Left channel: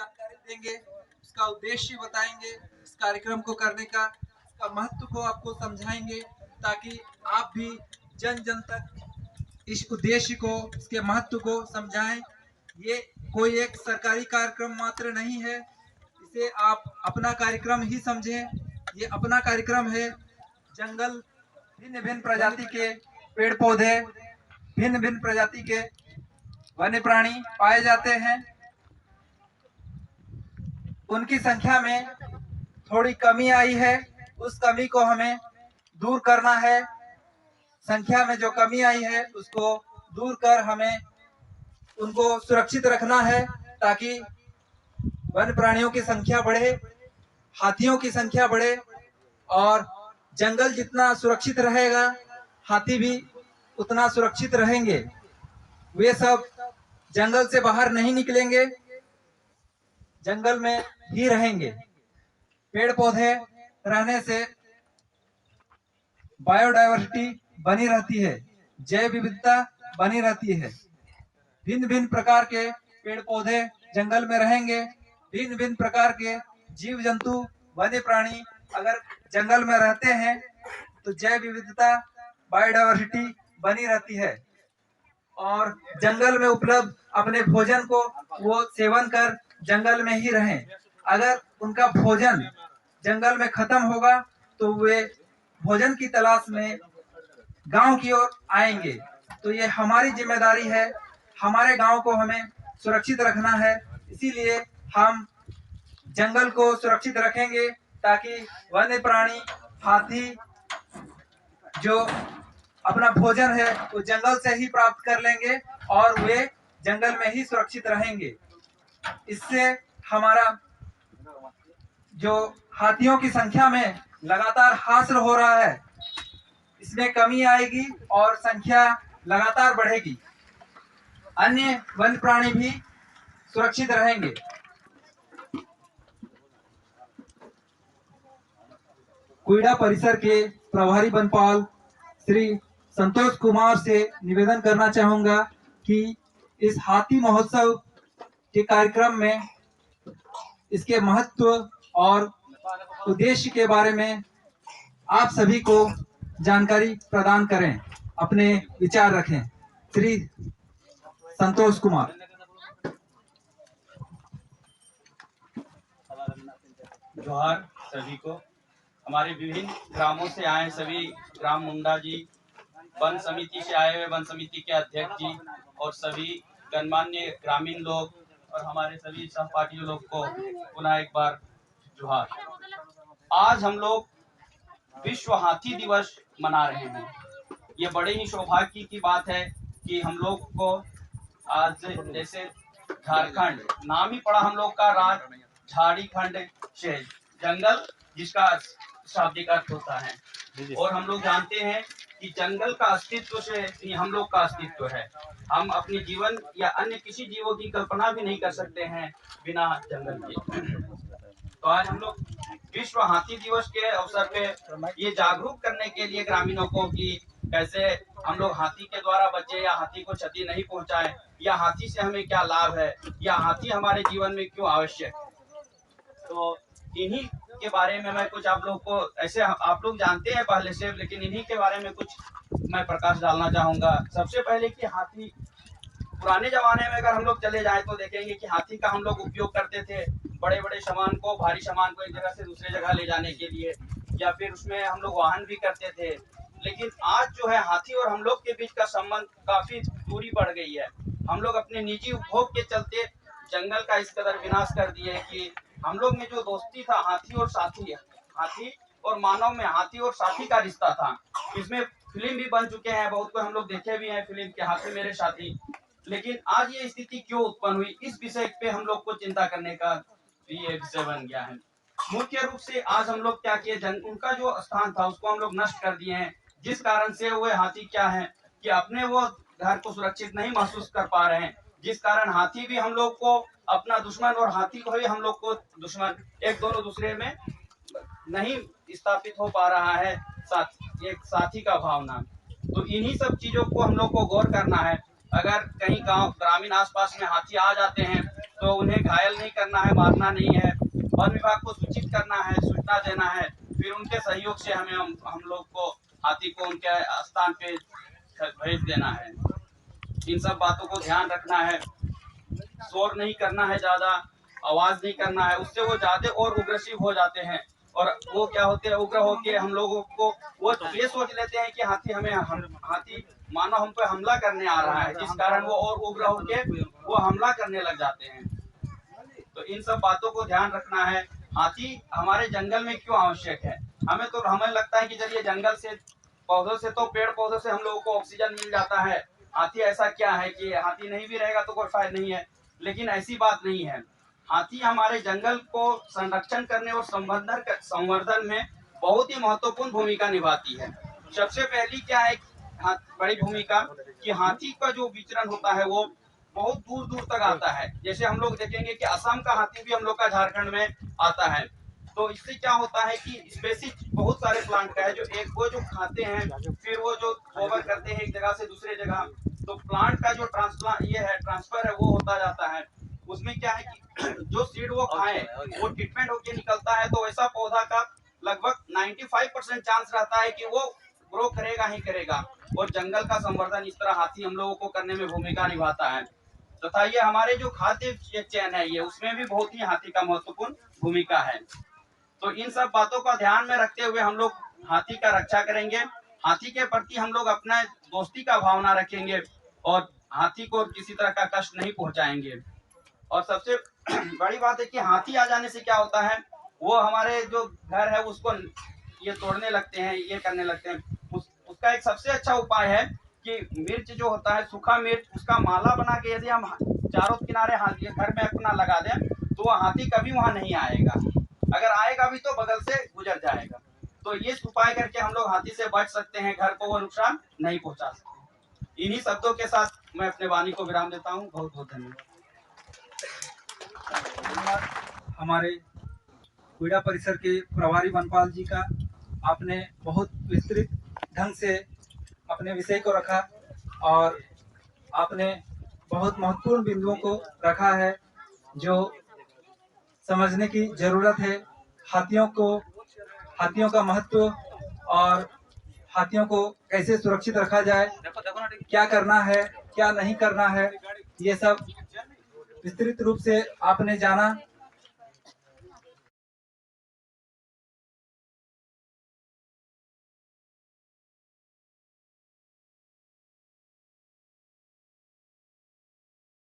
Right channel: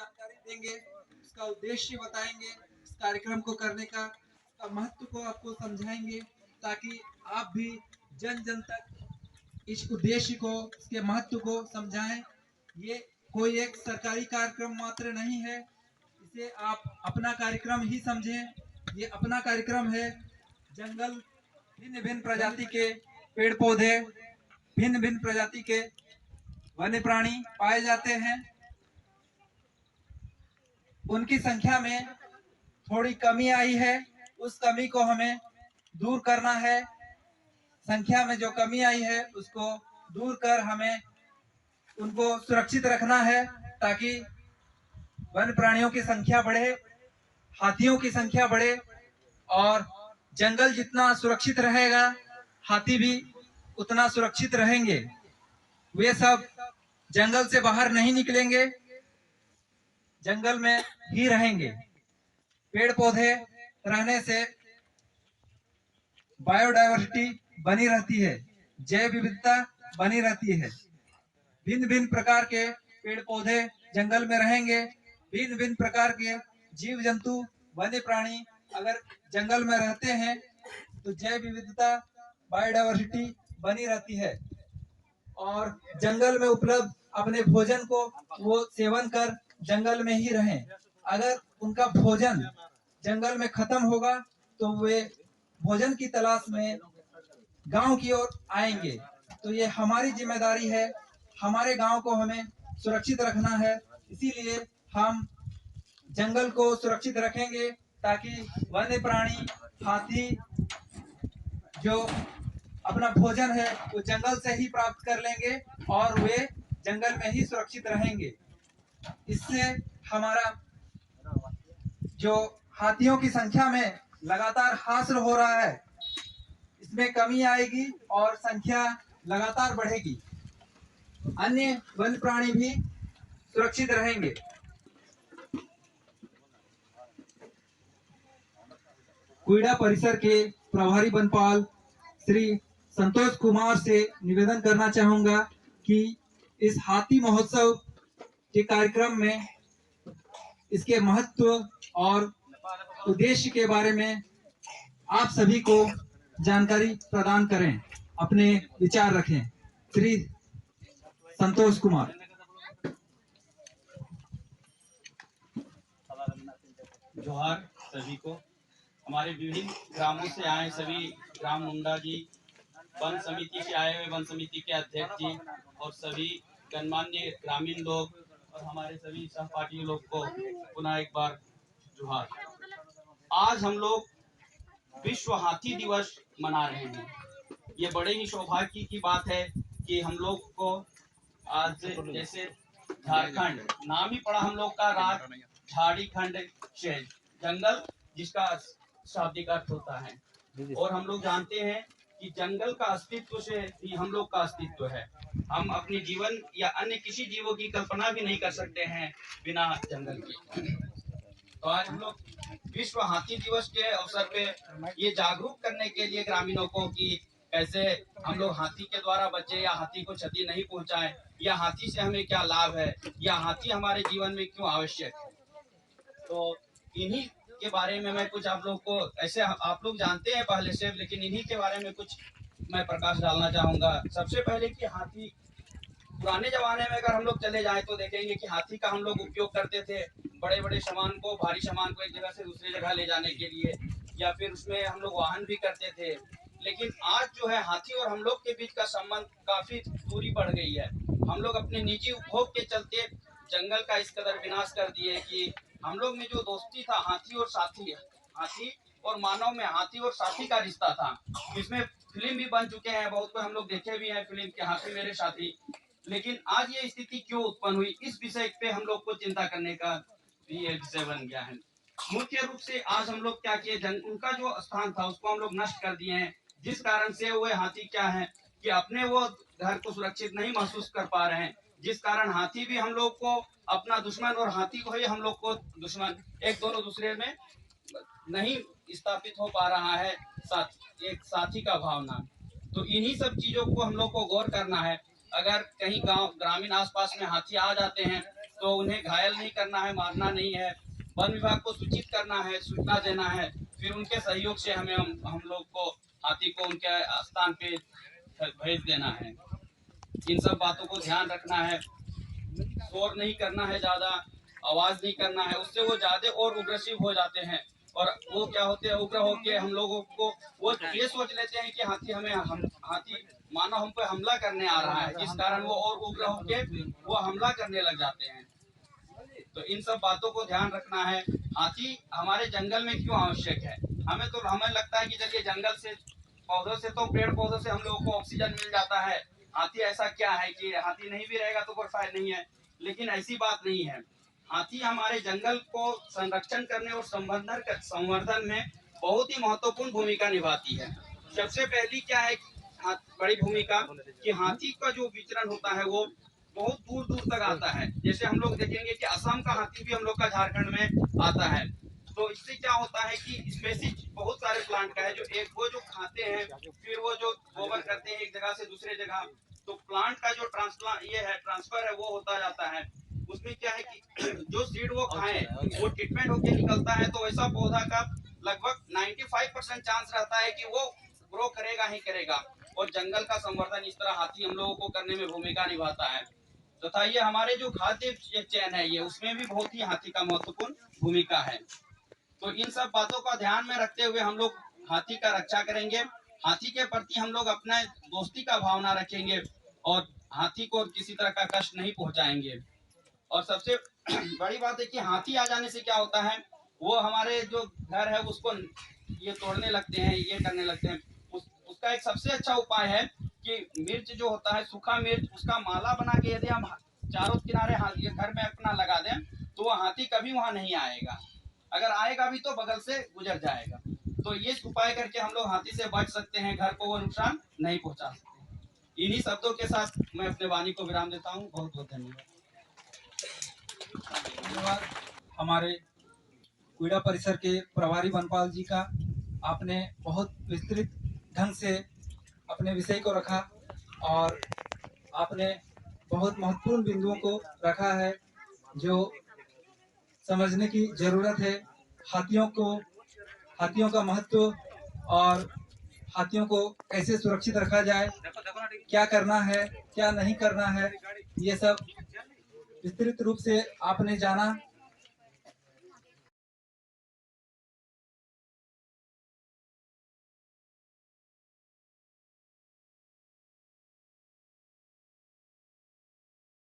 जानकारी देंगे, उसका उद्देश्य बताएंगे, इस कार्यक्रम को करने का इसका महत्व को आपको समझाएंगे, ताकि आप भी जन जन तक इस उद्देश्य को, इसके महत्व को समझाएं। ये कोई एक सरकारी कार्यक्रम मात्र नहीं है, इसे आप अपना कार्यक्रम ही समझें। ये अपना कार्यक्रम है। जंगल भिन्न भिन्न प्रजाति के पेड़ पौधे, भिन्न भिन्न प्रजाति के वन्य प्राणी पाए जाते हैं। उनकी संख्या में थोड़ी कमी आई है, उस कमी को हमें दूर करना है। संख्या में जो कमी आई है उसको दूर कर हमें उनको सुरक्षित रखना है, ताकि वन्य प्राणियों की संख्या बढ़े, हाथियों की संख्या बढ़े, और जंगल जितना सुरक्षित रहेगा हाथी भी उतना सुरक्षित रहेंगे। वे सब जंगल से बाहर नहीं निकलेंगे, जंगल में ही रहेंगे। पेड़ पौधे रहने से बायोडायवर्सिटी बनी रहती है, जैव विविधता बनी रहती है। भिन्न भिन्न प्रकार के पेड़ पौधे जंगल में रहेंगे, भिन्न भिन्न प्रकार के जीव जंतु वन्य प्राणी अगर जंगल में रहते हैं तो जैव विविधता बायोडायवर्सिटी बनी रहती है, और जंगल में उपलब्ध अपने भोजन को वो सेवन कर जंगल में ही रहें। अगर उनका भोजन जंगल में खत्म होगा तो वे भोजन की तलाश में गांव की ओर आएंगे। तो ये हमारी जिम्मेदारी है, हमारे गांव को हमें सुरक्षित रखना है। इसीलिए हम जंगल को सुरक्षित रखेंगे, ताकि वन्य प्राणी, हाथी जो अपना भोजन है वो जंगल से ही प्राप्त कर लेंगे और वे जंगल में ही सुरक्षित रहेंगे। इससे हमारा जो हाथियों की संख्या में लगातार हासिल हो रहा है, इसमें कमी आएगी और संख्या लगातार बढ़ेगी। अन्य वन्य प्राणी भी सुरक्षित रहेंगे। कुइडा परिसर के प्रभारी वनपाल श्री संतोष कुमार से निवेदन करना चाहूंगा कि इस हाथी महोत्सव के कार्यक्रम में इसके महत्व और उद्देश्य के बारे में आप सभी को जानकारी प्रदान करें, अपने विचार रखें। श्री संतोष कुमार। जोहार सभी को। हमारे विभिन्न ग्रामों से आए सभी ग्राम मुंडा जी, वन समिति से आए हुए वन समिति के अध्यक्ष जी और सभी गणमान्य ग्रामीण लोग और हमारे सभी सहपाठी लोग को पुनः एक बार जोहार। आज हम लोग विश्व हाथी दिवस मना रहे हैं। ये बड़े ही सौभाग्य की बात है कि हम लोग को आज, जैसे झारखंड नाम ही पड़ा हम लोग का, राज झाड़ीखंड से जंगल जिसका शाब्दिक अर्थ होता है, और हम लोग जानते हैं कि जंगल का अस्तित्व से ही हम लोग का अस्तित्व है। हम अपने जीवन या अन्य किसी जीवों की कल्पना भी नहीं कर सकते हैं बिना जंगल के। तो आज हम लोग विश्व हाथी दिवस के अवसर पे ये जागरूक करने के लिए ग्रामीणों को कि कैसे हम लोग हाथी के द्वारा बचे या हाथी को क्षति नहीं पहुंचाए, या हाथी से हमें क्या लाभ है, या हाथी हमारे जीवन में क्यों आवश्यक है। तो इन्हीं के बारे में मैं कुछ आप लोग को, ऐसे आप लोग जानते हैं पहले से, लेकिन इन्हीं के बारे में कुछ मैं प्रकाश डालना चाहूंगा। सबसे पहले कि हाथी, पुराने जमाने में अगर हम लोग चले जाएं तो देखेंगे कि हाथी का हम लोग उपयोग करते थे बड़े बड़े सामान को, भारी सामान को एक जगह से दूसरे जगह ले जाने के लिए, या फिर उसमें हम लोग वाहन भी करते थे। लेकिन आज जो है हाथी और हम लोग के बीच का संबंध काफी दूरी बढ़ गई है। हम लोग अपने निजी उपभोग के चलते जंगल का इस कदर विनाश कर दिए कि हम लोग में जो दोस्ती था हाथी और साथी, हाथी और मानव में हाथी और साथी का रिश्ता था, इसमें फिल्म भी बन चुके हैं, बहुत को हम लोग देखे भी हैं फिल्म के हाथी मेरे साथी। लेकिन आज ये स्थिति क्यों उत्पन्न हुई, इस विषय पे हम लोग को चिंता करने का ये विषय बन गया है। मुख्य रूप से आज हम लोग क्या किए, उनका जो स्थान था उसको हम लोग नष्ट कर दिए हैं, जिस कारण से वो हाथी क्या है कि अपने वो घर को सुरक्षित नहीं महसूस कर पा रहे हैं, जिस कारण हाथी भी हम लोग को अपना दुश्मन और हाथी को ही हम लोग को दुश्मन, एक दोनों दूसरे में नहीं स्थापित हो पा रहा है एक साथी का भावना। तो इन्हीं सब चीजों को हम लोग को गौर करना है। अगर कहीं गांव ग्रामीण आसपास में हाथी आ जाते हैं तो उन्हें घायल नहीं करना है, मारना नहीं है। वन विभाग को सूचित करना है, सूचना देना है, फिर उनके सहयोग से हमें हम लोग को हाथी को उनके स्थान पे भेज देना है। इन सब बातों को ध्यान रखना है, शोर नहीं करना है, ज्यादा आवाज नहीं करना है, उससे वो ज्यादा और उग्रसिव हो जाते हैं। और वो क्या होते हैं, उग्र होके हम लोगों को वो ये सोच लेते हैं कि हाथी मानो हम पे हमला करने आ रहा है, जिस कारण वो और उग्र होके वो हमला करने लग जाते हैं। तो इन सब बातों को ध्यान रखना है। हाथी हमारे जंगल में क्यों आवश्यक है? हमें लगता है कि चलिए जंगल से पौधों से तो पेड़ पौधों से हम लोगों को ऑक्सीजन मिल जाता है, हाथी ऐसा क्या है कि हाथी नहीं भी रहेगा तो कोई फायदा नहीं है। लेकिन ऐसी बात नहीं है। हाथी हमारे जंगल को संरक्षण करने और संवर्धन में बहुत ही महत्वपूर्ण भूमिका निभाती है। सबसे पहली क्या है बड़ी भूमिका कि हाथी का जो विचरण होता है वो बहुत दूर दूर तक आता है। जैसे हम लोग देखेंगे कि असम का हाथी भी हम लोग का झारखंड में आता है। तो इससे क्या होता है कि स्पेसीज बहुत सारे प्लांट का है, जो एक वो जो खाते हैं, फिर वो जो गोबर करते हैं एक जगह से दूसरे जगह, तो प्लांट का जो ट्रांसफर है वो होता जाता है। उसमें क्या है कि जो सीड वो खाए वो ट्रीटमेंट होके निकलता है, तो ऐसा पौधा का लगभग 95% चांस रहता है कि वो ग्रो करेगा ही करेगा। और जंगल का संवर्धन इस तरह हाथी हम लोगों को करने में भूमिका निभाता है। तथा ये हमारे जो खाद्य चैन है ये उसमें भी बहुत ही हाथी का महत्वपूर्ण भूमिका है। तो इन सब बातों का ध्यान में रखते हुए हम लोग हाथी का रक्षा करेंगे। हाथी के प्रति हम लोग अपना दोस्ती का भावना रखेंगे और हाथी को किसी तरह का कष्ट नहीं पहुंचाएंगे। और सबसे बड़ी बात है कि हाथी आ जाने से क्या होता है, वो हमारे जो घर है उसको ये तोड़ने लगते हैं, ये करने लगते हैं। उसका एक सबसे अच्छा उपाय है कि मिर्च जो होता है, सूखा मिर्च, उसका माला बना के यदि हम चारों किनारे ये घर में अपना लगा दें तो वह हाथी कभी वहां नहीं आएगा। अगर आएगा भी तो बगल से गुजर जाएगा। तो ये उपाय करके हम लोग हाथी से बच सकते हैं, घर को वो नुकसान नहीं पहुंचा सकते। इन्हीं शब्दों के साथ मैं अपने वाणी को विराम देता हूँ। बहुत बहुत धन्यवाद। धन्यवाद हमारे क्रीड़ा परिसर के प्रभारी वनपाल जी का। आपने बहुत विस्तृत ढंग से अपने विषय को रखा और आपने बहुत महत्वपूर्ण बिंदुओं को रखा है जो समझने की जरूरत है। हाथियों का महत्व और हाथियों को कैसे सुरक्षित रखा जाए, क्या करना है क्या नहीं करना है, ये सब विस्तृत रूप से आपने जाना।